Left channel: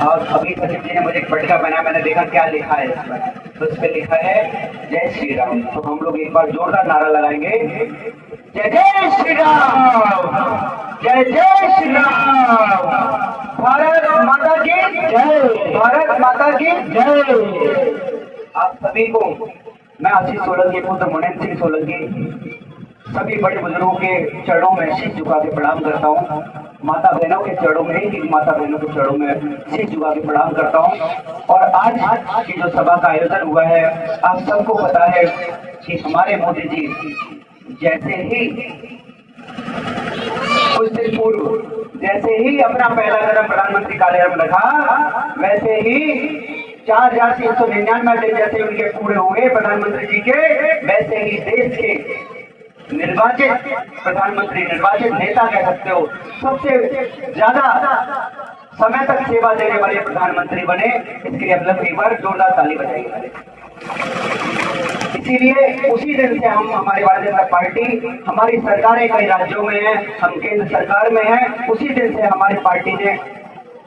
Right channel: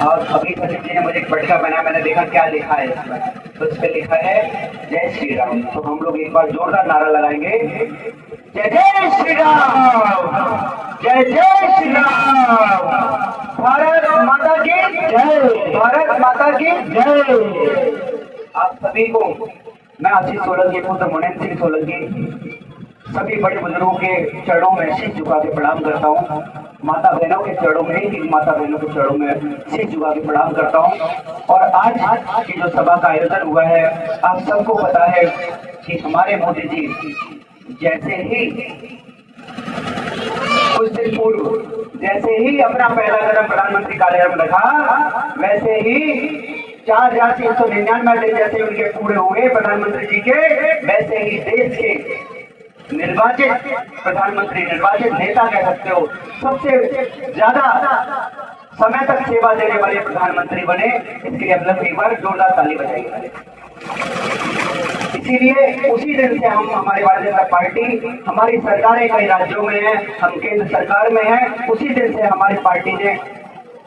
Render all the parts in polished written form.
और अभी सचिव जी ने मुझे एक पट्टिका बनाया, मैंने देखा क्या लिखा है इस पर। उस पर लिखा है जय श्री राम। तो हम लोग एक बार जोरदार नारा लगाएंगे, जय जय श्री राम, जय जय श्री राम, भारत माता की जय, भारत माता की जय। आप सभी को मैं आशीष सोलंकी, पुत्र मुनीन्द्र सिंह सोलंकी, सभी बड़े बुजुर्गों के चरणों में शीश झुका के प्रणाम करता हूँ। माता बहनों के चरणों में, एक माता बहनों के चरणों में शीश झुका के प्रणाम करता हूँ। और आज की जो सभा का आयोजन हुआ है, आप सबको पता है कि हमारे मोदी जी जैसे ही कुछ दिन पूर्व जैसे ही अपना पहला कदम प्रधानमंत्री कार्यालय में रखा, वैसे ही 4,399 दिन जैसे उनके पूरे हुए प्रधानमंत्री जी के, वैसे ही देश के निर्वाचित प्रधानमंत्री, निर्वाचित नेता कह सकते हो, सबसे ज्यादा समय तक सेवा देने वाले प्रधानमंत्री बने। इसके लिए हम लोग एक बार जोरदार ताली बजाएंगे। इसीलिए उसी दिन से हम, हमारी भारतीय जनता पार्टी, हमारी सरकारें कई राज्यों में है, हम केंद्र सरकार में है, उसी दिन से हमारी पार्टी ने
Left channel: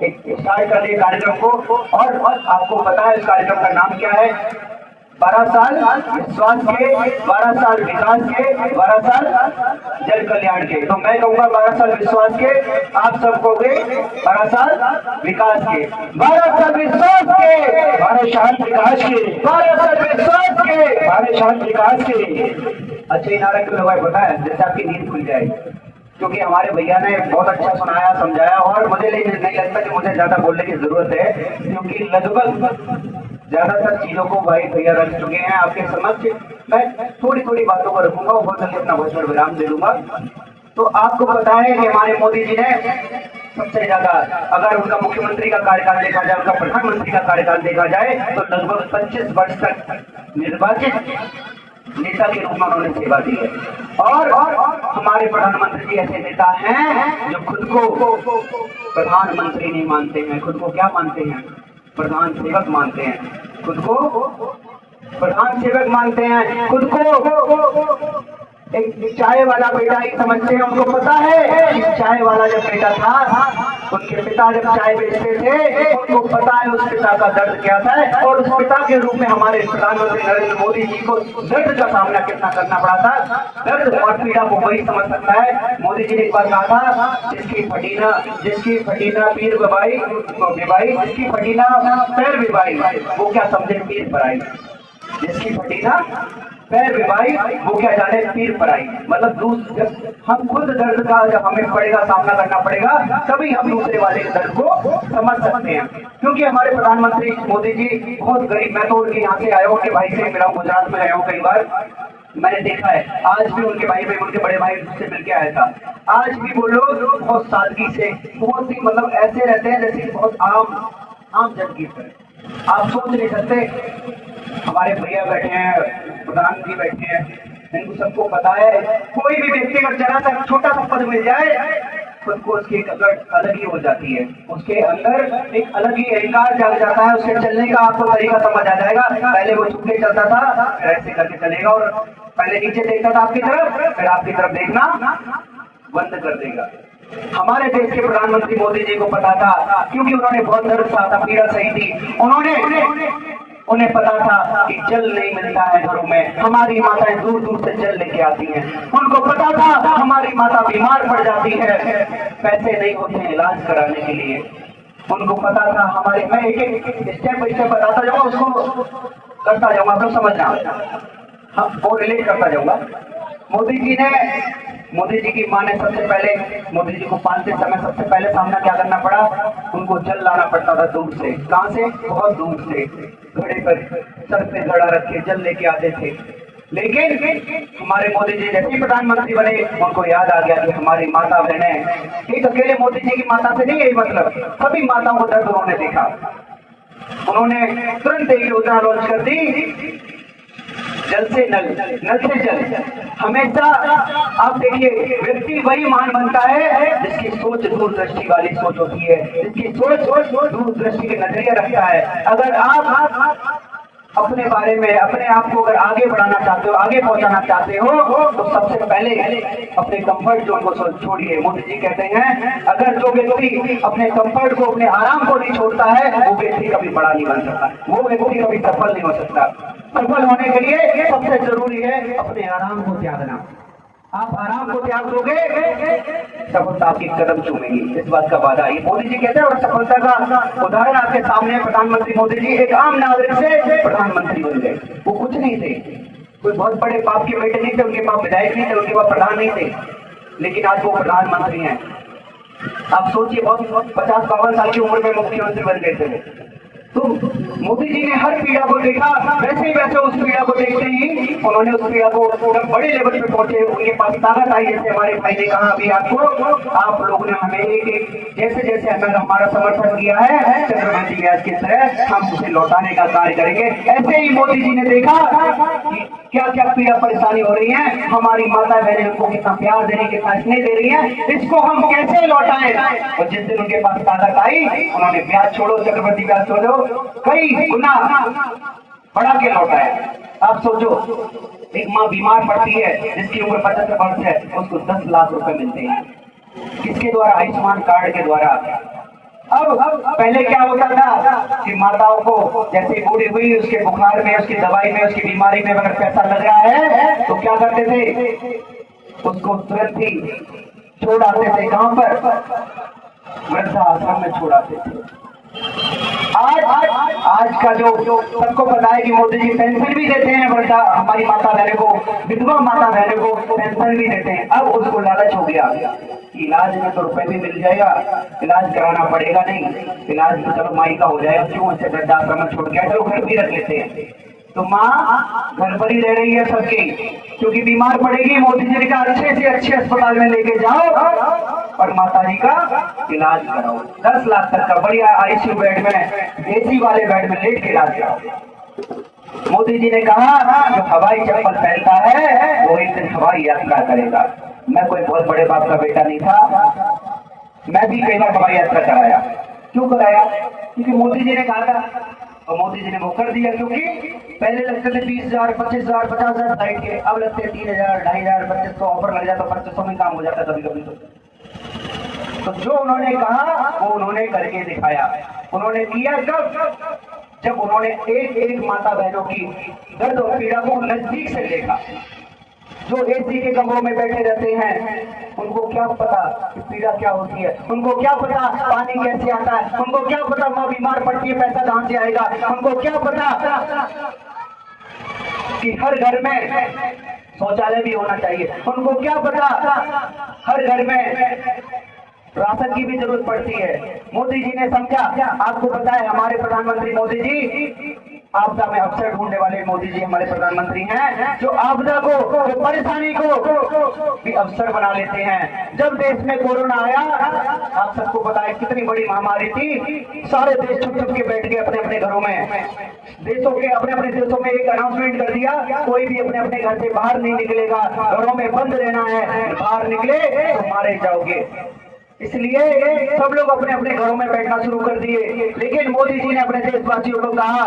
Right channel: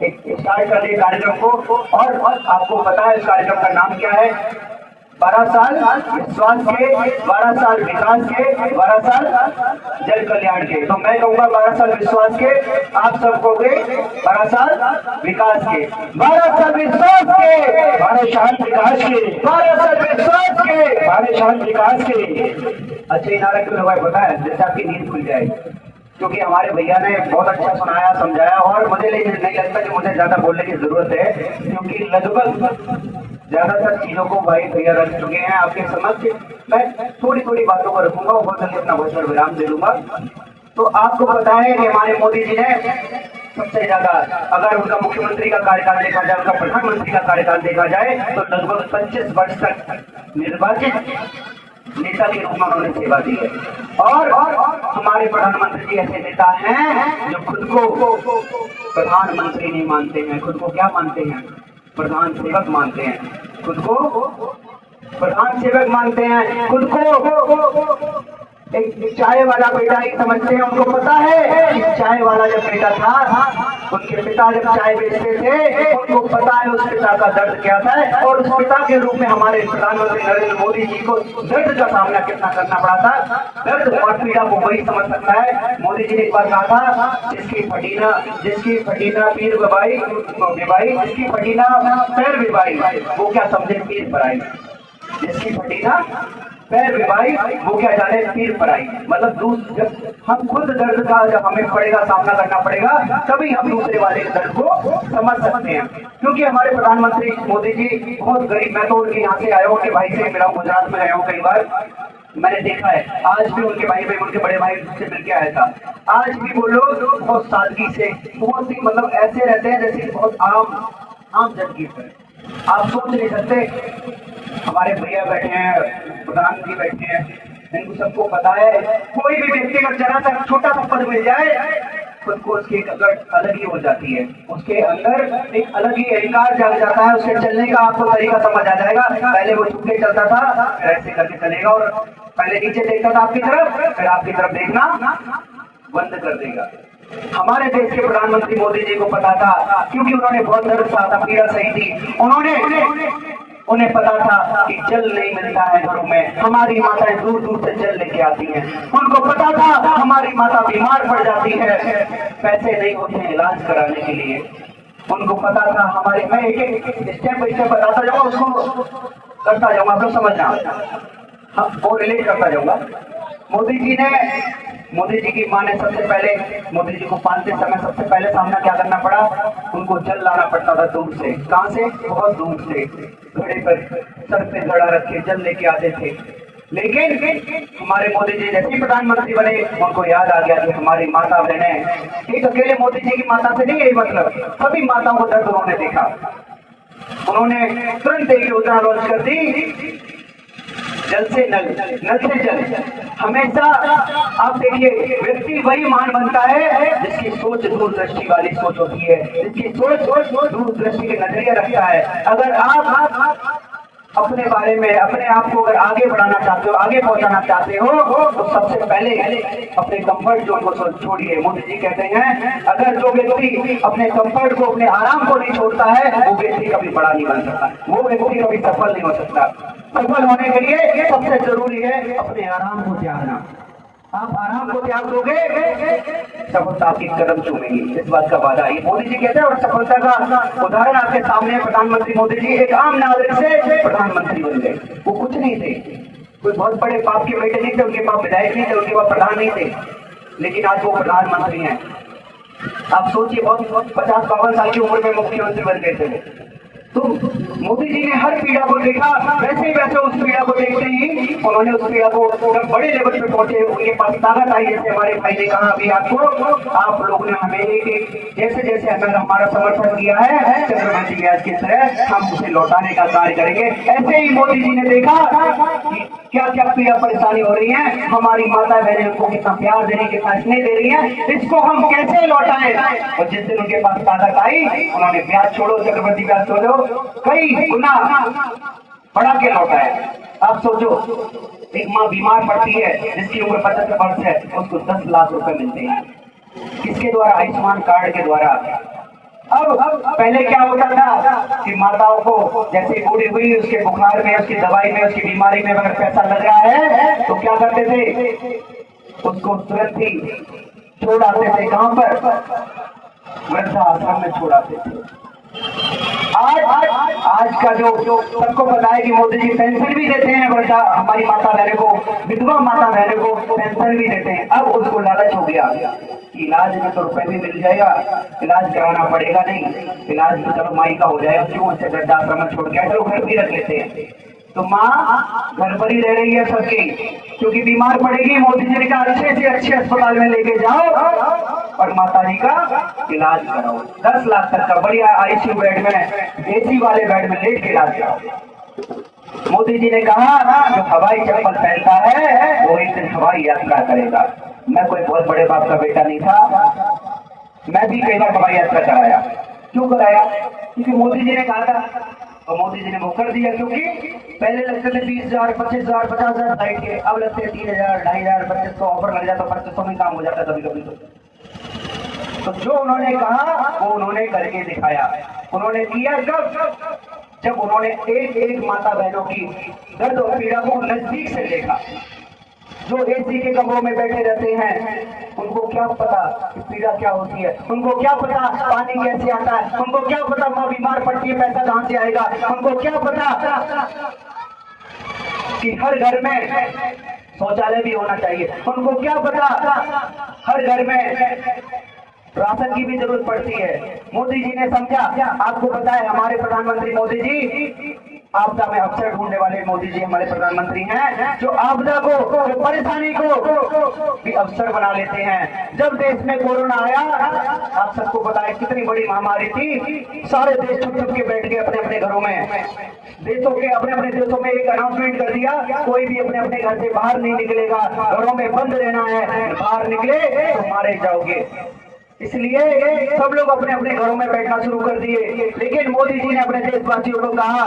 एक स्टार्ट कर दिया कार्यक्रम को। और आपको पता है इस कार्यक्रम का नाम क्या है? 12 साल विश्वास के, 12 साल विकास के, 12 साल जन कल्याण के। तो मैं कहूँगा 12 साल विश्वास के, आप सब कहोगे 12 साल विकास के, 12 साल विश्वास के, 12 साल विकास के, 12 साल विश्वास के, 12 साल विकास के। अच्छा, नारा क्यों लगाए पता है? जैसे आपकी नींद खुल जाए, क्योंकि हमारे भैया ने बहुत अच्छा सुनाया, समझाया, और मुझे नहीं लगता कि मुझे ज्यादा बोलने की जरूरत है, क्योंकि लगभग ज्यादातर चीजों को भाई भैया रख चुके हैं आपके समक्ष। मैं थोड़ी थोड़ी बातों को रखूंगा, बहुत जल्दी अपना भाषण विराम दे दूंगा। तो आपको पता है कि हमारे मोदी जी ने सबसे ज्यादा, अगर उनका मुख्यमंत्री का कार्यकाल देखा जाए, उनका प्रधानमंत्री का कार्यकाल देखा जाए, तो लगभग 25 वर्ष तक निर्वाचित नेता के रूप में उन्होंने सेवा दी है। और हमारे प्रधानमंत्री जी ऐसे नेता हैं जो खुद को प्रधानमंत्री नहीं मानते हैं, खुद को क्या मानते हैं? प्रधान सेवक मानते हैं, खुद को प्रधान सेवक मानते हैं, खुद को एक चाय वाला बेटा नहीं समझते हैं। उनको पता है कि चाय वाला जब बेटा था, उनके पिता जब चाय बेचते थे, उनको पता है उस पिता का दर्द क्या था, और उस पिता के रूप में हमारे प्रधानमंत्री नरेंद्र मोदी जी को दर्द का सामना कितना करना पड़ा था। दर्द और पीड़ा को वही समझ सकता है। मोदी जी ने एक बार कहा था, जिसकी फटीना पीर बबाई, जिसकी फटीना पैर बिबाई, वो क्या समझे पीर पर आई। जिसकी फटीना पैर बिबाई, वो क्या जाने पीर पर आई। मतलब जब हम खुद दर्द का जब हमें पड़ेगा, सामना करना पड़ेगा, तभी हम दूसरे वाले के दर्द को समझ सकते हैं। क्योंकि हमारे प्रधानमंत्री मोदी जी बहुत गरीब, मैं तो उनके यहाँ से आया हूँ, उनके भाई से मिला हूँ, गुजरात में आया हूँ कई बार, मैंने देखा है। आज भी उनके भाई, उनके बड़े भाई से मिलकर आया था। आज भी वो लोग बहुत सादगी से, बहुत ही मतलब ऐसे रहते हैं जैसे बहुत आम जन की तरह। आप सोच नहीं सकते, हमारे भैया बैठे हैं, प्रधानमंत्री बैठे हैं, इनको सबको पता है, कोई भी व्यक्ति का जरा सा छोटा सा पद मिल जाए, खुद को उसकी अलग ही हो जाती है, उसके अंदर एक अलग ही अहंकार जाग जाता है। उसके चलने का आपको तरीका समझ आ जाएगा। पहले वो छुपके चलता था, फिर ऐसे करके चलेगा, और पहले नीचे देखता था आपकी तरफ, फिर आपकी तरफ देखना बंद कर देगा। हमारे देश के प्रधानमंत्री मोदी जी को पता था, क्योंकि उन्होंने बहुत दर्द सहा था, पीड़ा सही थी। उन्हें पता था कि जल नहीं मिलता है घरों में, हमारी माताएं दूर दूर से जल लेके आती हैं। उनको पता था हमारी माता बीमार पड़ जाती है, पैसे नहीं होते हैं इलाज कराने के लिए। उनको पता था हमारी, मैं एक स्टेप बाय स्टेप बताता जाऊंगा, उसको करता जाऊंगा, आप लोग समझना, वो रिलेट करता जाऊंगा। मोदी जी की माँ ने सबसे पहले, मोदी जी को पालते समय सबसे पहले सामना क्या करना पड़ा? उनको जल लाना पड़ता था दूर से। कहां से? बहुत दूर से, घड़े पर सर पे घड़ा रख के जल लेके आते थे। लेकिन हमारे मोदी जी जैसे प्रधानमंत्री बने, उनको याद आ गया कि हमारी माता बहनें, एक अकेले मोदी जी की माता से नहीं, यही मतलब सभी माताओं को दर्द उन्होंने देखा। उन्होंने तुरंत एक योजना लॉन्च कर दी, जल से नल, नल से जल। हमेशा आप देखिए, व्यक्ति वही महान बनता है जिसकी सोच दूरदृष्टि वाली सोच होती है, जिसकी सोच दूरदृष्टि के नजरिया रखता है। अगर आप अपने बारे में, अपने आप को अगर आगे बढ़ाना चाहते हो, आगे पहुंचाना चाहते हो, तो सबसे पहले अपने कंफर्ट जोन को छोड़िए। मोदी जी कहते हैं अगर जो व्यक्ति अपने कंफर्ट को, अपने आराम को नहीं छोड़ता है, वो व्यक्ति कभी बड़ा नहीं बन सकता, वो व्यक्ति कभी सफल नहीं हो सकता। सफल होने के लिए सबसे जरूरी है अपने आराम को त्यागना। आप आराम को त्याग दोगे, सफलता आपकी कदम चूमेगी, इस बात का वादा है। मोदी जी कहते हैं, और सफलता का उदाहरण आपके सामने प्रधानमंत्री मोदी जी एक आम नागरिक से प्रधानमंत्री बन गए। वो कुछ नहीं थे, कोई बहुत बड़े बाप के बेटे नहीं थे, उनके पास विधायक नहीं थे, उनके पास प्रधान नहीं थे, लेकिन आज वो प्रधानमंत्री हैं। आप सोचिए, बहुत 50-52 साल की उम्र में मुख्यमंत्री बन गए थे। तो मोदी जी ने हर पीड़ा को देखा, वैसे उस पीड़ा को देखते ही उन्होंने उस पीड़ा को बड़े लेवल पे पहुंचे, उनके पास ताकत आई। जैसे हमारे भाई ने कहा अभी आपको, आप लोगों ने हमें जैसे जैसे हमें हमारा समर्थन किया है, चक्रवर्ती ब्याज की तरह हम उसे लौटाने का कार्य करेंगे। ऐसे ही मोदी जी ने देखा कि क्या क्या पीड़ा परेशानी हो रही है, हमारी माता बहनें उनको कितना प्यार दे रही है, कितना स्नेह दे रही है, इसको हम कैसे लौटाएं। और जिस दिन उनके पास ताकत आई, उन्होंने ब्याज छोड़ो, चक्रवर्ती ब्याज छोड़ो, कई गुना बढ़ा के लौटाया। आप सोचो, एक माँ बीमार पड़ती है जिसकी उम्र 75 वर्ष है, उसको 10 लाख रुपए मिलते हैं, किसके द्वारा? आयुष्मान कार्ड के द्वारा। अब पहले क्या होता था कि माताओं को जैसे बूढ़ी हुई, उसके बुखार में, उसकी दवाई में, उसकी बीमारी में अगर पैसा लग रहा है तो क्या करते थे? उसको तुरंत ही छोड़ आते थे। कहां पर? वृद्धाश्रम में छोड़ आते थे। आज का जो सबको पता है कि मोदी जी पेंशन भी देते हैं, हमारी माता बहनों को, विधवा माता बहनों को पेंशन भी देते हैं। अब उसको लालच हो गया, इलाज में तो रुपए भी मिल जाएगा, इलाज कराना पड़ेगा नहीं, इलाज तो चलो माई का हो जाएगा, क्यों उसे वृद्धाश्रम में छोड़ के चलो घर भी रख लेते हैं। तो माँ घर पर ही रह रही है सबकी, क्योंकि बीमार पड़ेगी। मोदी जी ने कहा अच्छे से अच्छे अस्पताल में लेके जाओ और माता जी का इलाज कराओ। 10 लाख तक का बढ़िया आईसीयू बेड में, एसी वाले बेड में लेट के इलाज कराओ। मोदी जी ने कहा जो हवाई चप्पल पहनता है वो एक दिन हवाई यात्रा करेगा। मैं कोई बहुत बड़े बाप का बेटा नहीं था, मैं भी कई बार हवाई यात्रा कराया। क्यों कराया? क्योंकि मोदी जी ने कहा था, और मोदी जी ने वो कर दिया। क्योंकि पहले लगते थे 20,000, 25,000, 50,000 फ्लाइट के, अब लगते 3,000, 2,500, 2,500 ऑफर लग जाता, 2,500 में काम हो जाता कभी कभी। तो जो उन्होंने कहा वो उन्होंने करके दिखाया। उन्होंने किया जब उन्होंने एक एक माता बहनों की दर्द और पीड़ा को नजदीक से देखा। जो एसी के कमरों में बैठे रहते हैं, उनको क्या पता कि पीड़ा क्या होती है, उनको क्या पता पानी कैसे आता है, उनको क्या पता माँ बीमार पड़ती है पैसा कहां से आएगा, उनको क्या पता कि हर घर में शौचालय भी होना चाहिए, उनको क्या पता हर घर में राशन की भी जरूरत पड़ती है। मोदी जी ने समझा। आपको पता है हमारे प्रधानमंत्री मोदी जी आपदा में अवसर ढूंढने वाले मोदी जी हमारे प्रधानमंत्री हैं, जो आपदा को, जो परेशानी को भी अवसर बना लेते हैं। जब देश में कोरोना आया, आप सबको पता है कितनी बड़ी महामारी थी, सारे देश चुप के बैठ गए अपने अपने घरों में। देशों के अपने अपने देशों में एक अनाउंसमेंट कर दिया, कोई भी अपने अपने घर से बाहर नहीं निकलेगा, घरों में बंद रहना है, बाहर निकले तो मारे जाओगे। इसलिए सब लोग अपने अपने घरों में बैठना शुरू कर दिए। लेकिन मोदी जी ने अपने देशवासियों को कहा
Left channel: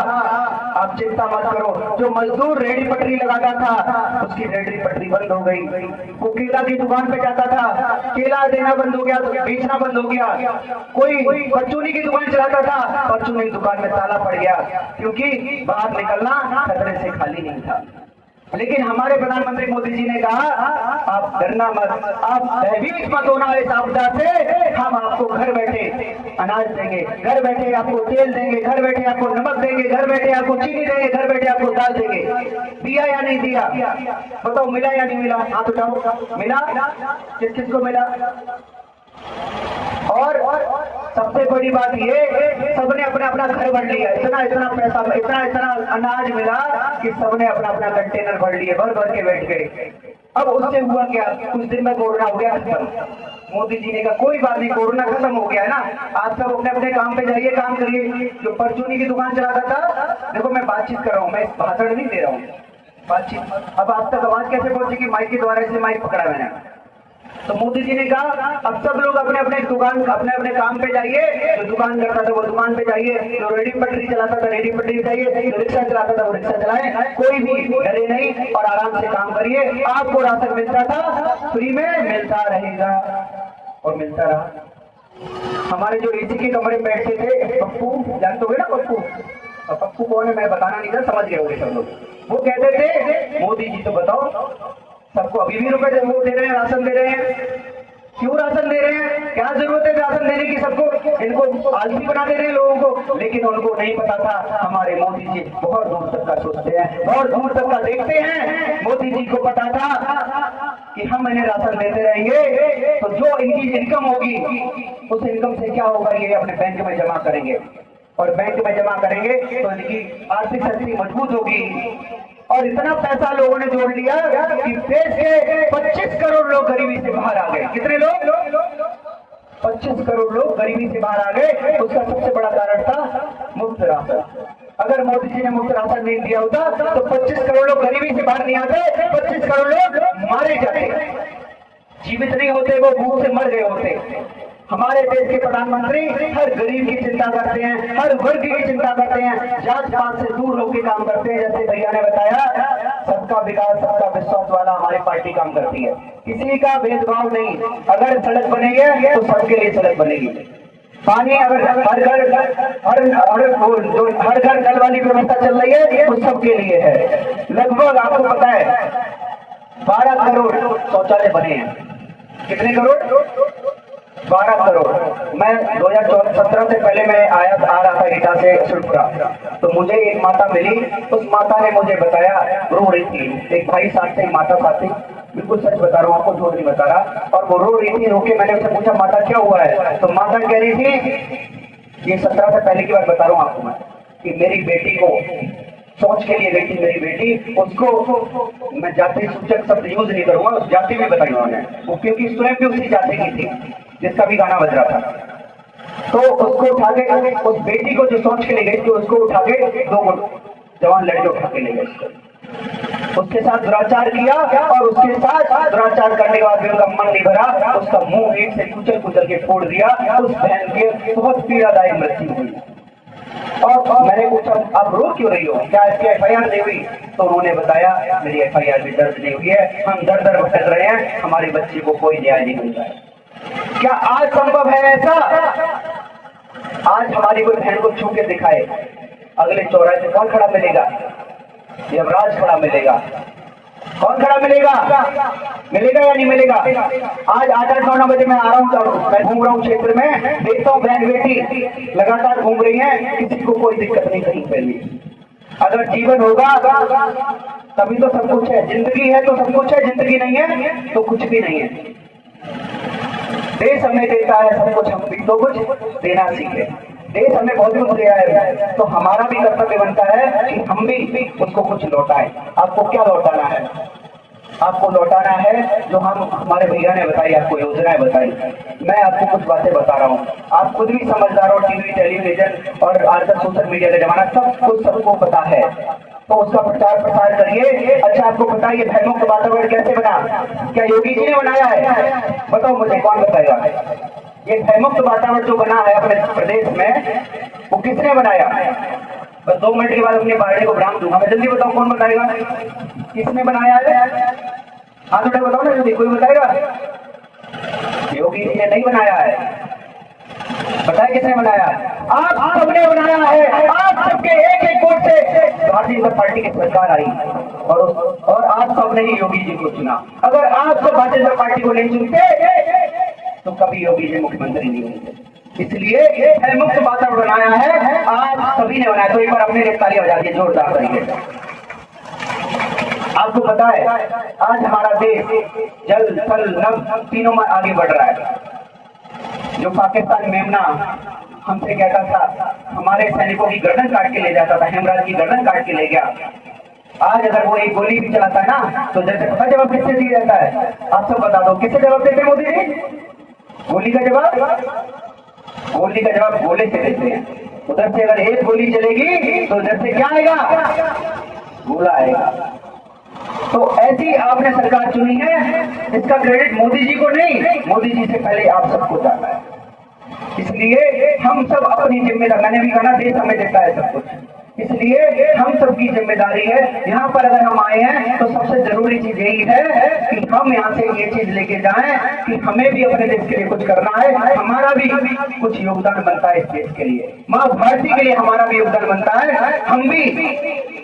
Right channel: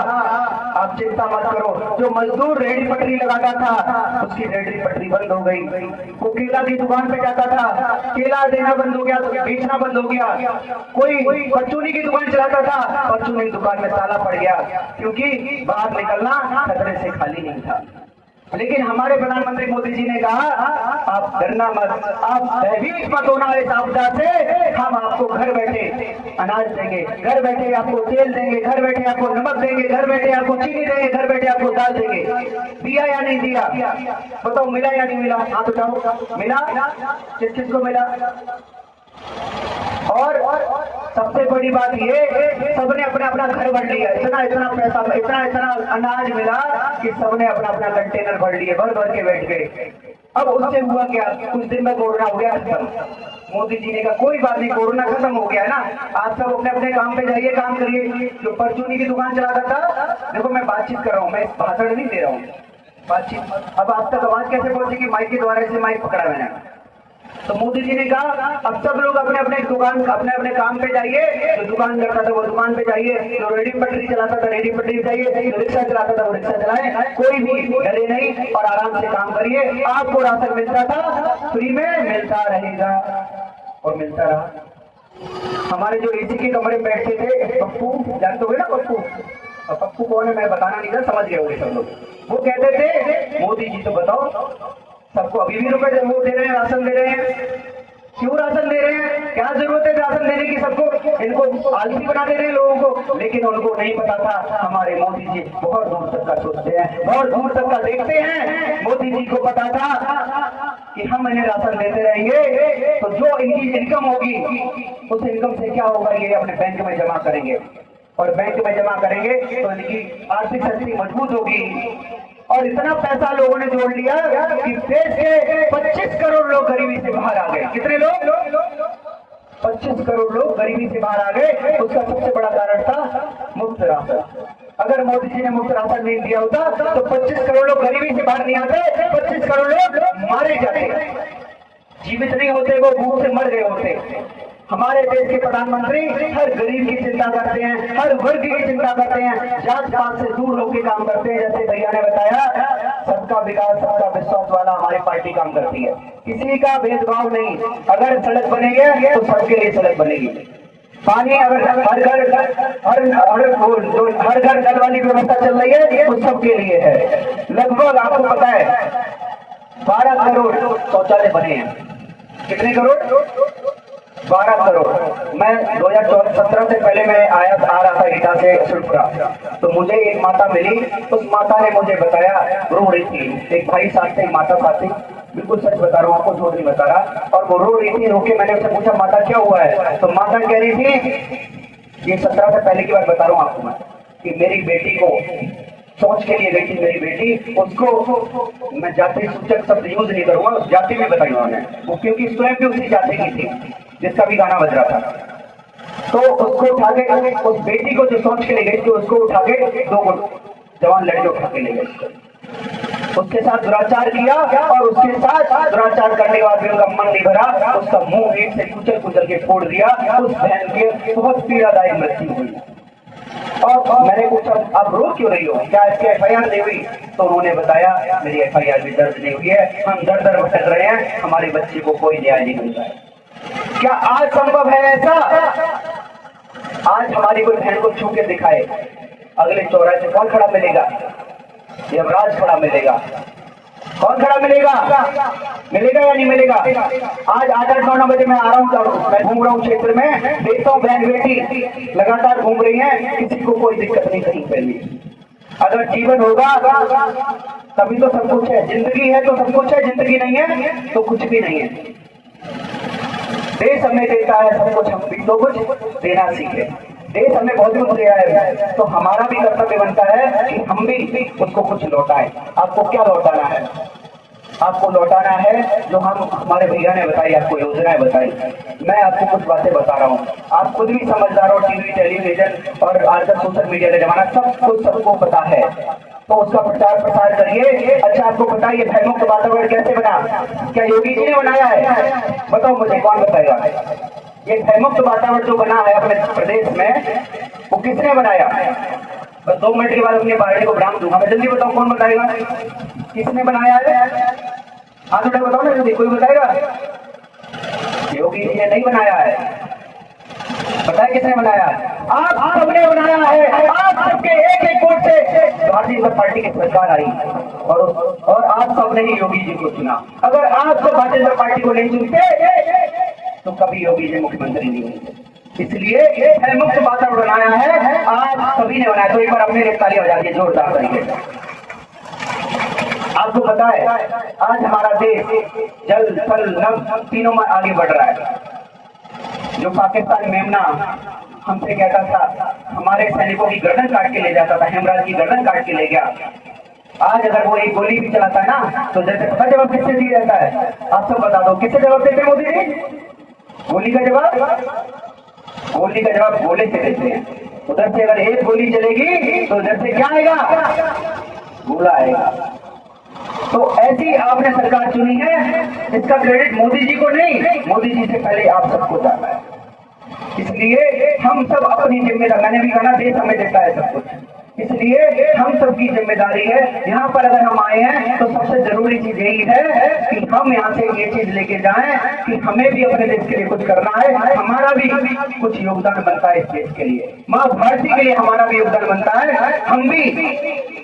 आप चिंता मत करो। जो मजदूर रेहड़ी पटरी लगाता था उसकी रेहड़ी पटरी बंद हो गई। वो केला की दुकान पे जाता था, केला देना बंद हो गया, बेचना बंद हो गया। कोई परचूनी की दुकान चलाता था, परचूनी की दुकान में ताला पड़ गया, क्योंकि बाहर निकलना खतरे से खाली नहीं था। लेकिन हमारे प्रधानमंत्री मोदी जी ने कहा आप डरना मत, आप भयभीत मत होना इस आपदा से, हम आपको घर बैठे अनाज देंगे, घर बैठे आपको तेल देंगे, घर बैठे आपको नमक देंगे, घर बैठे आपको चीनी देंगे, घर बैठे आपको दाल देंगे। दिया या नहीं दिया? बताओ मिला या नहीं मिला? हाथ उठाओ। मिला? किस किस को मिला? और सबसे बड़ी बात ये, सबने अपना अपना घर भर लिया। इतना इतना पैसा, इतना इतना अनाज मिला कि सबने अपना अपना कंटेनर भर लिए, भर भर के बैठ गए। अब उससे हुआ क्या? कुछ दिन में कोरोना हो गया खत्म। मोदी जी ने कहा कोई बात नहीं, कोरोना खत्म हो गया है ना, आप सब अपने अपने काम पे जाइए, काम करिए। जो परचूनी की दुकान चलाता था, देखो मैं बातचीत कर रहा हूँ, मैं भाषण नहीं दे रहा हूँ, बातचीत। अब आप तक आवाज कैसे पहुंचेगी? माइक के द्वारा से माइक पकड़ा मैंने। तो मोदी जी ने कहा अब सब लोग अपने अपने दुकान अपने अपने काम पे जाइए, जो दुकान करता था वो दुकान पे जाइए, जो रेडी पटरी चलाता था रेडी पटरी जाइए, जो रिक्शा चलाता था वो रिक्शा चलाए, कोई भी डरे नहीं और आराम से काम करिए। आपको राशन मिलता था फ्री में मिलता रहेगा और मिलता रहा। हमारे जो एसी के कमरे बैठते थे, पप्पू जानते हो ना पप्पू, और पप्पू कौन है मैं बताना नहीं था, समझ गए होंगे सब लोग। वो कहते थे मोदी जी तो बताओ सबको अभी भी रुपए वो दे रहे हैं, राशन दे रहे हैं, क्यों राशन दे रहे हैं, क्या जरूरत है राशन देने की सबको, इनको आदमी बना दे रहे हैं लोगों को। लेकिन उनको नहीं पता था हमारे मोदी जी बहुत दूर तक का सोचते हैं, बहुत दूर तक का देखते हैं। मोदी जी को पता था कि हम इन्हें राशन देते रहेंगे तो जो इनकी इनकम होगी उस इनकम से क्या होगा, ये अपने बैंक में जमा करेंगे और बैंक में जमा करेंगे तो इनकी आर्थिक स्थिति मजबूत होगी। और इतना पैसा लोगों ने जोड़ लिया कि देश के 25 करोड़ लोग गरीबी से बाहर आ गए। कितने लोग? 25 करोड़ लोग गरीबी से बाहर आ गए। उसका सबसे बड़ा कारण था मुफ्त राशन। अगर मोदी जी ने मुफ्त राशन नहीं दिया होता तो 25 करोड़ लोग गरीबी से बाहर नहीं आते, 25 करोड़ लोग मारे जाते, जीवित नहीं होते, वो भूख से मर गए होते। हमारे देश के प्रधानमंत्री हर गरीब की चिंता करते हैं, हर वर्ग की चिंता करते हैं, जात पात से दूर होकर काम करते हैं। जैसे भैया ने बताया सबका विकास सबका विश्वास वाला हमारी पार्टी काम करती है, किसी का भेदभाव नहीं। अगर सड़क बनेगी तो सबके लिए सड़क बनेगी, पानी अगर हर घर जल वाली व्यवस्था चल रही है वो सबके लिए है। लगभग आपको पता है 12 करोड़ शौचालय बने हैं। कितने करोड़? 12 करोड़। मैं 2017 से पहले मैं आ रहा था ईटा से सुरपुरा, तो मुझे एक माता मिली। उस माता ने मुझे बताया, रो रही थी, एक भाई साहब से माता साथ थी, बिल्कुल सच बता रहा हूँ आपको, झूठ नहीं बता रहा। और वो रो रही थी, रोके मैंने उससे पूछा माता क्या हुआ है, तो माता कह रही थी, ये 17 से पहले की बात बता रहा हूँ आपको मैं, कि मेरी बेटी को सोच के लिए गई थी, मेरी बेटी, उसको मैं जाति सूचक शब्द यूज नहीं करूंगा, उस जाति में बताई उन्होंने, वो क्योंकि स्वयं भी उसी जाति की थी जिसका भी गाना बज रहा था। तो उसको उठा के, उस बेटी को जो सोच के ले गई थी उसको उठा के 2 जवान लड़के उठा के ले गए, उसके साथ दुराचार किया और उसके साथ दुराचार करने के बाद भी उनका मन नहीं भरा, उसका मुंह ईंट से कुचल कुचल के फोड़ दिया। उस बहन के बहुत पीड़ादायक मृत्यु हुई। और मैंने पूछा आप रो क्यों रही हो, क्या इसकी FIR नहीं हुई? तो उन्होंने बताया मेरी FIR भी दर्ज नहीं हुई है, हम दर दर भटक रहे हैं, हमारे बच्चे को कोई न्याय नहीं मिलता है। क्या आज संभव है ऐसा? आज हमारी कोई बहन को छू के दिखाए, अगले चौराहे से कौन खड़ा मिलेगा? यमराज खड़ा मिलेगा। कौन खड़ा मिलेगा? मिलेगा या नहीं मिलेगा? आज 8-9 बजे मैं आ रहा हूँ, मैं घूम रहा हूँ क्षेत्र में, देखता हूँ बहन बेटी लगातार घूम रही है, किसी को कोई दिक्कत नहीं कहीं पहले। अगर जीवन होगा तभी तो सब कुछ है, जिंदगी है तो सब कुछ है, जिंदगी नहीं है तो कुछ भी नहीं है। देश हमें देता है सब कुछ, हम भी तो कुछ देना सीखे। देश हमें बहुत कुछ दिया है तो हमारा भी कर्तव्य बनता है कि हम भी उसको कुछ लौटाएं। आपको क्या लौटाना है? आपको लौटाना है जो हम हमारे भैया ने बताई, आपको योजनाएं बताई। मैं आपको कुछ बातें बता रहा हूँ, आप खुद भी समझदार हो, टीवी टेलीविजन और आजकल सोशल मीडिया का जमाना, सब कुछ सबको पता है, तो उसका प्रचार प्रसार करिए। अच्छा आपको पता है ये भय मुक्त वातावरण कैसे बना? क्या योगी जी ने बनाया है? बताओ मुझे, कौन बताएगा? ये भय मुक्त वातावरण जो बना है अपने प्रदेश में, वो किसने बनाया? बस 2 मिनट के बाद अपनी बाड़ी को विराम दूंगा, मैं जल्दी बताऊं कौन बताएगा किसने बनाया है? हाथ उठा बताओ ना जल्दी, कोई बताएगा? योगी जी ने नहीं बनाया है। बताए किसने बनाया? आप सबने बनाया है। आप सबके एक वोट से भारतीय जनता पार्टी की सरकार आई और आप सबने ही योगी जी को चुना। अगर आप सब भारतीय जनता पार्टी को नहीं चुनते तो कभी योगी जी मुख्यमंत्री नहीं होते। इसलिए मुक्त वातावरण बनाया है, आप सभी ने बनाया। तो एक बार अपने ताली हो जाती है जोरदार तरीके से। आपको पता है आज हमारा देश जल थल नभ तीनों में आगे बढ़ रहा है। जो पाकिस्तान मेमना हमसे कहता था, हमारे सैनिकों की गर्दन काट के ले जाता था, हेमराज की गर्दन काट के ले गया, आज अगर वो एक गोली भी चलाता है ना तो जैसे पता जवाब किससे दिया जाता है? आप सब बता दो किससे जवाब देते मोदी जी? गोली का जवाब? गोली का जवाब गोले से देते हैं। उधर से अगर एक गोली चलेगी तो उधर से क्या आएगा? गोला आएगा। तो ऐसी आपने सरकार चुनी है, इसका क्रेडिट मोदी जी को नहीं, मोदी जी से पहले आप सबको जाना है। इसलिए हम सब अपनी जिम्मेदारी, मैंने भी कहा देश हमें देता है सब कुछ, इसलिए हम सबकी जिम्मेदारी है। यहाँ पर अगर हम आए हैं तो सबसे जरूरी चीज यही है कि हम यहाँ से ये चीज लेके जाएं कि हमें भी अपने देश के लिए कुछ करना है, हमारा भी कुछ योगदान बनता है इस देश के लिए, माँ भारती के लिए हमारा भी योगदान बनता है। हम भी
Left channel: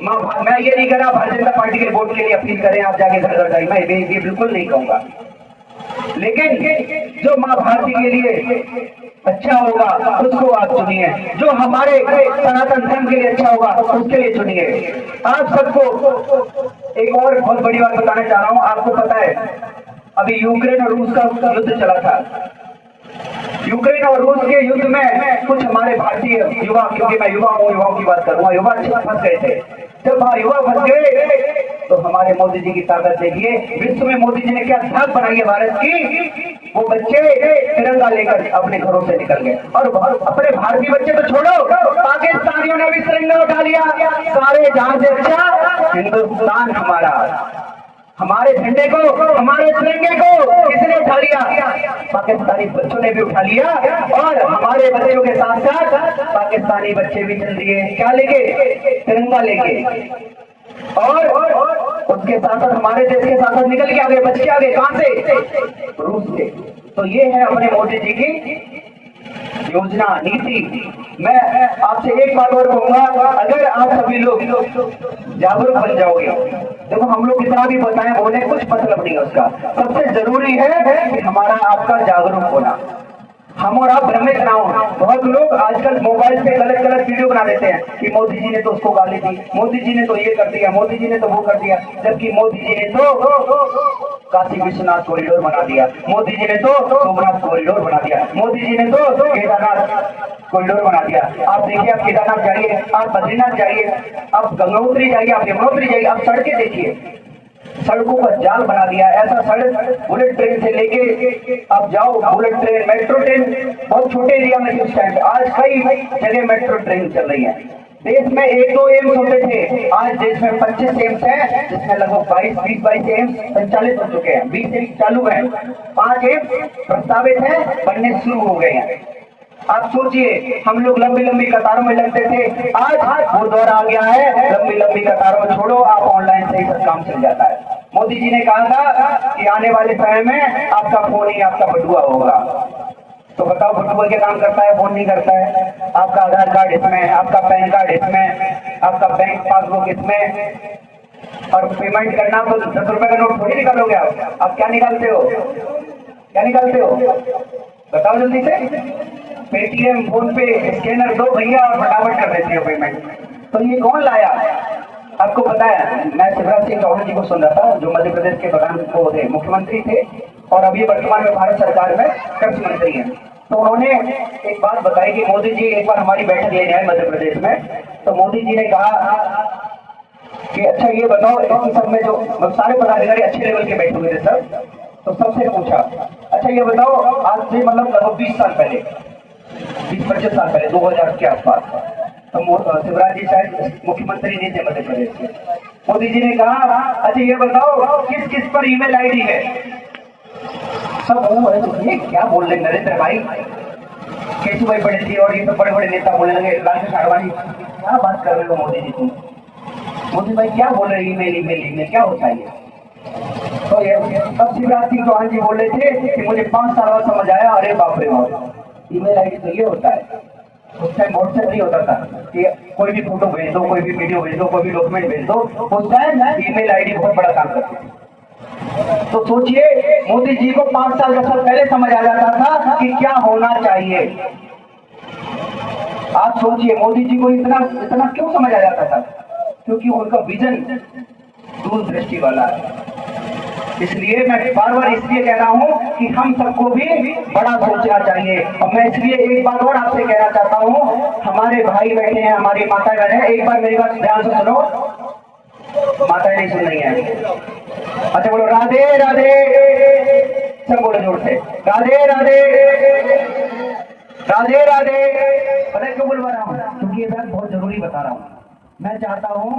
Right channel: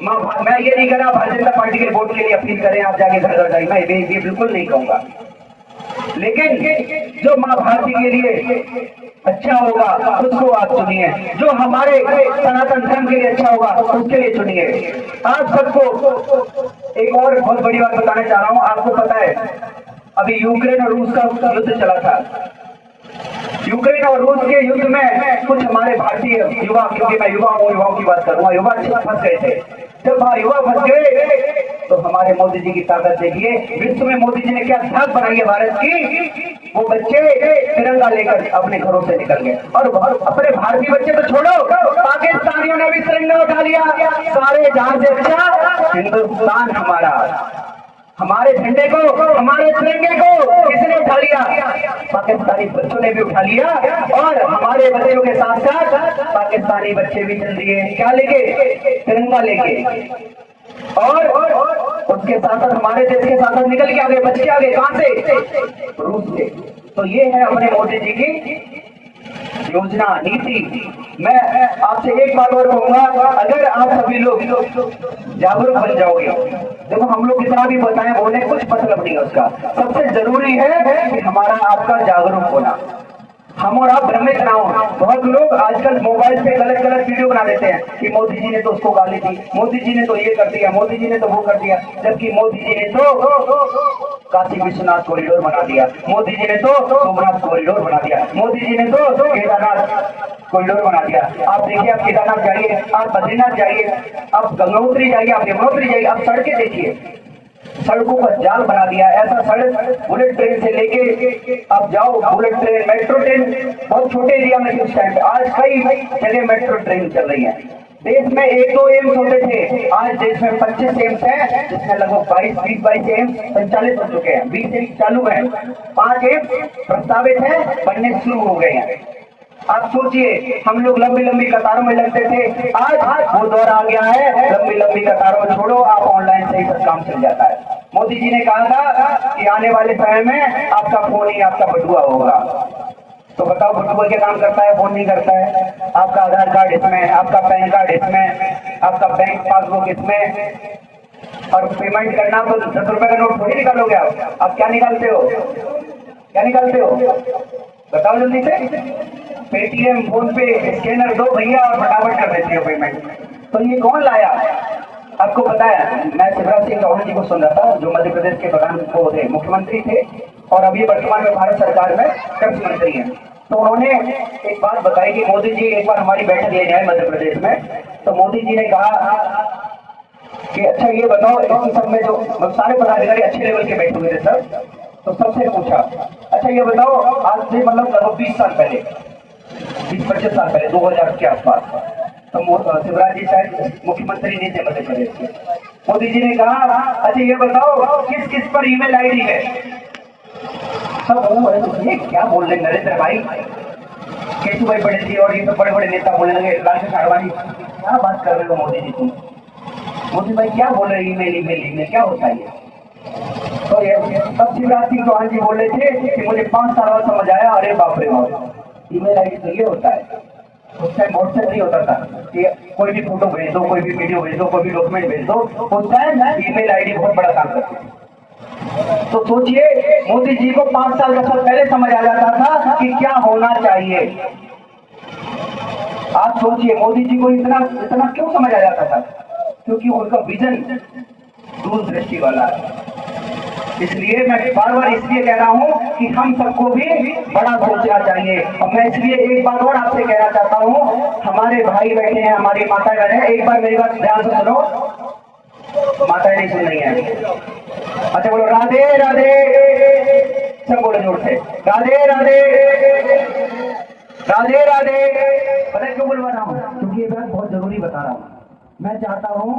मैं ये नहीं कह रहा भारतीय जनता पार्टी के वोट के लिए अपील करें आप जाके घर घर जाए, मैं ये बिल्कुल नहीं कहूंगा, लेकिन जो माँ भारती के लिए अच्छा होगा उसको आप चुनिए, जो हमारे सनातन धर्म के लिए अच्छा होगा उसके लिए चुनिए। आप सबको एक और बहुत बड़ी बात बताना चाह रहा हूं, आपको पता है अभी यूक्रेन और रूस का युद्ध चला था, यूक्रेन और रूस के युद्ध में कुछ हमारे भारतीय युवा, क्योंकि मैं युवाओं की बात करूंगा, युवा फंस गए थे। जब वहां युवा फंस गए तो हमारे मोदी जी की ताकत देखिए, विश्व में मोदी जी ने क्या छाप बनाई है भारत की, वो बच्चे तिरंगा लेकर अपने घरों से निकल गए, और अपने भारतीय बच्चे तो छोड़ो, पाकिस्तानियों ने भी तिरंगा उठा लिया। सारे जहां से अच्छा हिंदुस्तान हमारा, हमारे झंडे को, हमारे तिरंगे को किसने उठा लिया? पाकिस्तानी बच्चों ने भी उठा लिया, और हमारे बच्चों के साथ साथ पाकिस्तानी बच्चे भी चल दिए, क्या लेके? तिरंगा लेके, और उसके साथ साथ हमारे देश के साथ साथ निकल के आगे, बच के आगे, कहां से? रूस से। तो ये है अपने मोदी जी की योजना, नीति। मैं आपसे एक बात और कहूंगा, अगर आप सभी लोग जागरूक बन जाओगे, देखो हम लोग कितना भी बताएं बोले कुछ मतलब नहीं है उसका, सबसे जरूरी है कि हमारा आपका जागरूक होना, हम और आप भ्रमित ना हो। बहुत लोग आजकल मोबाइल पे गलत गलत वीडियो बना देते हैं कि मोदी जी ने तो उसको गाली दी, मोदी जी ने तो ये कर दिया, मोदी जी ने तो वो कर दिया, जबकि मोदी जी ने तो काशी विश्वनाथ कॉरिडोर बना दिया, मोदी जी ने तो सोमनाथ कॉरिडोर बना दिया, मोदी जी ने तो केदारनाथ कॉरिडोर बना दिया। आप देखिए, आप केदारनाथ जाइए, आप बद्रीनाथ जाइए, आप गंगोत्री जाइए, आप यमुनोत्री जाइए, आप सड़कें देखिए, सड़कों का जाल बना दिया। ऐसा सड़क बुलेट ट्रेन से लेके आप जाओ, बुलेट ट्रेन, मेट्रो ट्रेन, बहुत छोटे एरिया में कुछ टाइम, आज कई जगह मेट्रो ट्रेन चल रही है। देश में 1-2 एम्स होते थे, आज देश में 25 एम्स है, जिसमें लगभग 22 एम्स संचालित हो चुके हैं, 20 एम्स चालू है, 5 एम्स प्रस्तावित है, बनने शुरू हो गए हैं। आप सोचिए, हम लोग लंबी लंबी कतारों में लगते थे, आज वो दौर आ गया है, लंबी लंबी कतारों में छोड़ो, आप ऑनलाइन से ही सब काम चल जाता है। मोदी जी ने कहा था कि आने वाले समय में आपका फोन ही आपका बटुआ होगा, तो बताओ बटुआ के काम करता है, फोन नहीं करता है। आपका आधार कार्ड इसमें, आपका पैन कार्ड इसमें, आपका बैंक पासबुक इसमें, और पेमेंट करना तो 10 रुपए का नोट थोड़ी निकालोगे आप क्या निकालते हो? क्या निकालते हो बताओ जल्दी से? पेटीएम, फोन पे, स्कैनर दो भैया और फटाफट कर देती है पेमेंट। तो ये कौन लाया? आपको पता है, मैं शिवराज सिंह चौहान जी को सुन रहा था, जो मध्य प्रदेश के प्रधान वो थे, मुख्यमंत्री थे, और अभी वर्तमान में भारत सरकार में कृषि मंत्री हैं। तो उन्होंने एक बात बताई कि मोदी जी एक बार हमारी बैठक लेने आए मध्य प्रदेश में, तो मोदी जी ने कहा कि अच्छा ये बताओ, सब में जो सारे पदाधिकारी अच्छे लेवल के बैठे हुए थे सर, तो सबसे पूछा अच्छा ये बताओ, आज से मतलब लगभग 20 साल पहले, 20-25 साल पहले, 2000 के आसपास, तो शिवराज जी शायद मुख्यमंत्री नहीं थे मध्य प्रदेश के। मोदी जी ने कहा अच्छा ये बताओ किस किस पर ईमेल आईडी है? सब ये क्या बोल रहे नरेंद्र भाई, केशुभाई पटेल जी और ये सब बड़े बड़े नेता बोलने लगे, लालकृष्ण आडवाणी, क्या बात कर रहे हो मोदी जी तुम? मोदी भाई क्या बोल रहे ईमेल ईमेल ईमेल क्या होता है? तो ये तब शिवराज सिंह चौहान जी बोल रहे थे कि मुझे 5 साल बाद समझ आया, अरे बाप रे बाप, ईमेल आईडी तो ये होता है। उस टाइम व्हाट्सएप नहीं होता था कि कोई भी फोटो भेज दो, कोई भी वीडियो भेज दो, कोई भी डॉक्यूमेंट भेज दो, उस टाइम ईमेल आईडी बहुत बड़ा काम करती है। तो सोचिए, मोदी जी को 5 साल पहले समझ आ जाता था कि क्या होना चाहिए। आप सोचिए मोदी जी को इतना इतना क्यों समझ आ जाता था? क्योंकि उनका विजन दूरदृष्टि वाला है। इसलिए मैं बार बार इसलिए कह रहा हूं कि हम सबको भी बड़ा सोचना चाहिए। और मैं इसलिए एक बात और आपसे कहना चाहता हूं, हमारे भाई बैठे हैं, हमारी माता बहन है, एक बार मेरी बात ध्यान से सुनो, माता नहीं सुन रही है। अच्छा बोलो राधे राधे, सब बोलो जोर से, राधे राधे राधे राधे। पता क्यों बोलवा रहा हूँ? क्योंकि ये बात बहुत जरूरी बता रहा हूँ। मैं चाहता हूँ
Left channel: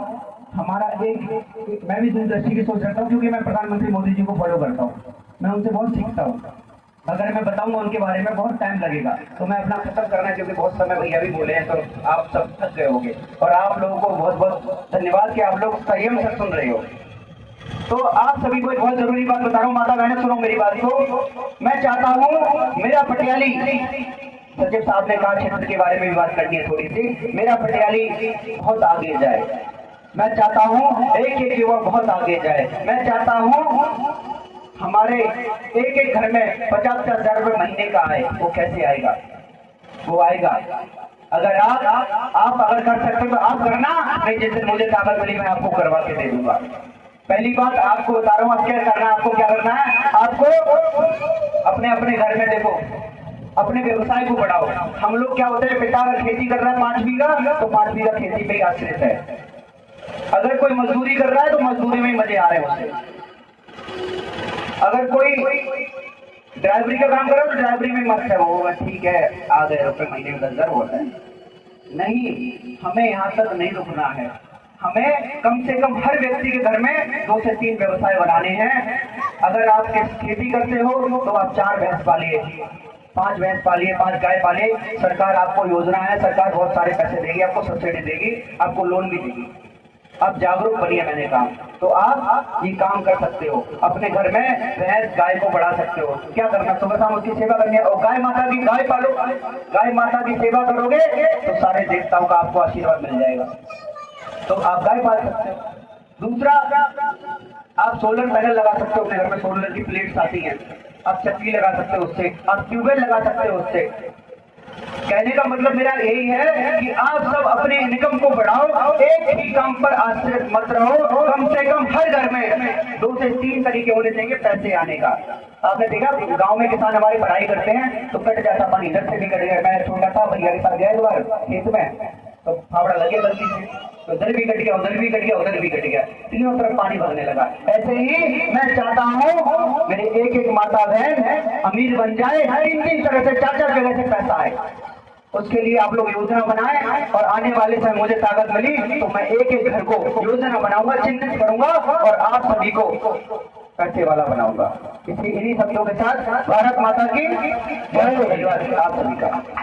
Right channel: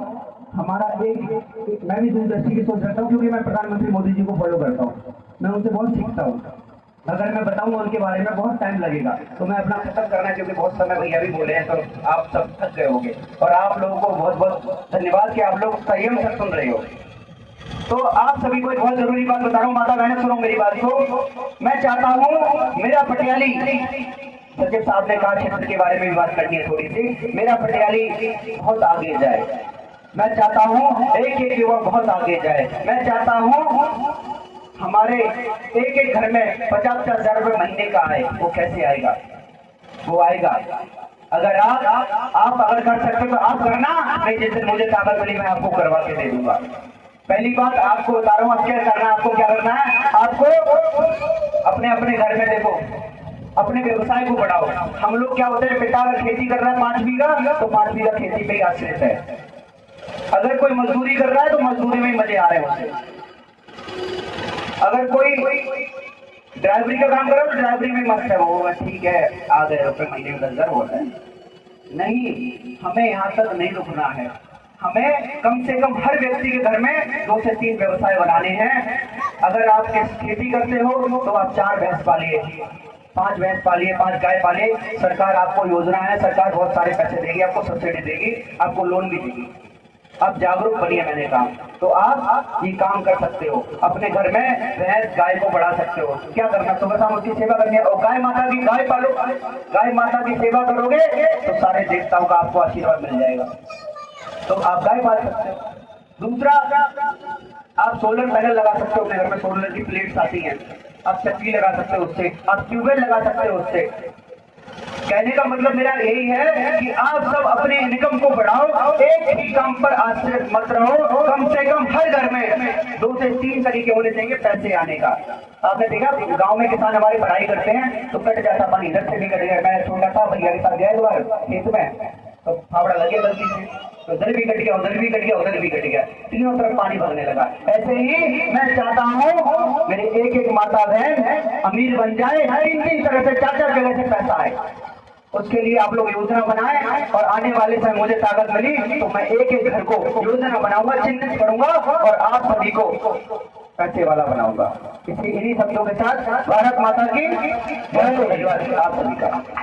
हमारा एक मैं भी दूरदर्शी की सोच रखता हूँ, क्योंकि मैं प्रधानमंत्री मोदी जी को फॉलो करता हूँ, मैं उनसे बहुत सीखता हूँ। अगर मैं बताऊंगा उनके बारे में बहुत टाइम लगेगा, तो मैं अपना खत्म करना है, क्योंकि बहुत समय भैया भी बोले हैं, तो आप सब थक गए होंगे। और आप लोगों को बहुत बहुत धन्यवाद कि आप लोग संयम से सुन रहे हो। तो आप सभी को एक बहुत जरूरी बात बता रहा हूँ, माता बहने सुनो मेरी बात को। मैं चाहता हूँ मेरा पटियाली, सचिव साहब ने कहा क्षेत्र के बारे में भी बात करनी है थोड़ी सी, मेरा पटियाली बहुत आगे जाए। मैं चाहता हूँ एक एक युवा बहुत आगे जाए। मैं चाहता हूँ हमारे एक एक घर में 50,000 रुपए महीने का आए। वो कैसे आएगा? वो आएगा अगर आप अगर कर सकते हो तो आप करना, नहीं जैसे मुझे ताकत मिली मैं आपको करवा के दे दूंगा। पहली बात आपको बता रहा हूँ, क्या करना है, आपको क्या करना है, आपको अपने अपने घर में देखो, अपने व्यवसाय को बढ़ाओ। हम लोग क्या होते हैं, पिता अगर खेती कर रहा है 5 बीघा, तो 5 बीघा खेती पे ही आश्रित है। अगर कोई मजदूरी कर रहा है तो मजदूरी में मजे आ रहे हैं उसे। अगर कोई ड्राइवरी का काम कर रहा है तो ड्राइवरी में मस्त है, वो ठीक है, आ गए रुपए महीने में 10,000 हो रहा है। नहीं, हमें यहाँ तक नहीं रुकना है। हमें कम से कम हर व्यक्ति के घर में 2 से 3 व्यवसाय बनाने हैं। अगर आप खेती करते हो तो आप 4 भैंस पालिए, 5 भैंस पालिए, 5 गाय पालिए। सरकार आपको योजना है, सरकार बहुत सारे पैसे देगी, आपको सब्सिडी देगी, आपको लोन भी देगी। आप जागरूक बनिए, मैंने कहा तो आप ये काम कर सकते हो। अपने घर में भैंस गाय को बढ़ा सकते हो। क्या करना, सुबह शाम उसकी सेवा करनी है। और गाय माता की गाय पालो, गाय माता की सेवा करोगे तो सारे देवताओं का आपको आशीर्वाद मिल जाएगा। तो आप गाय पाल सकते हो। दूसरा, आप सोलर पैनल लगा सकते हो अपने घर में, सोलर की प्लेट्स आती हैं, आप चक्की लगा सकते हो उससे, आप ट्यूबवेल लगा सकते हो उससे। कहने का मतलब मेरा यही है कि आप सब अपने इनकम को बढ़ाओ, एक ही काम पर आश्रित मत रहो। कम से कम हर घर में 2 से 3 तरीके होने चाहिए पैसे आने का। आपने देखा गांव में किसान हमारी पढ़ाई करते हैं तो कट जाता पानी, इधर से भी कट गया। मैं छोटा था, भैया के साथ गया एक बार खेत में, तो फावड़ा लगे गलती से, तो इधर भी कट गया, उधर भी कट गया, उधर भी कट गया, तीनों तरफ पानी भरने लगा। ऐसे ही मैं चाहता हूँ मेरी एक एक माता बहन अमीर बन जाए, 3 तरह से 4 जगह से पैसा आए। उसके लिए आप लोग योजना बनाएं, और आने वाले समय मुझे ताकत मिली तो मैं एक एक घर को योजना बनाऊंगा, चिन्हित करूंगा और आप सभी को पैसे वाला बनाऊंगा। इन्हीं शब्दों के साथ भारत माता की बहुत धन्यवाद आप सभी का।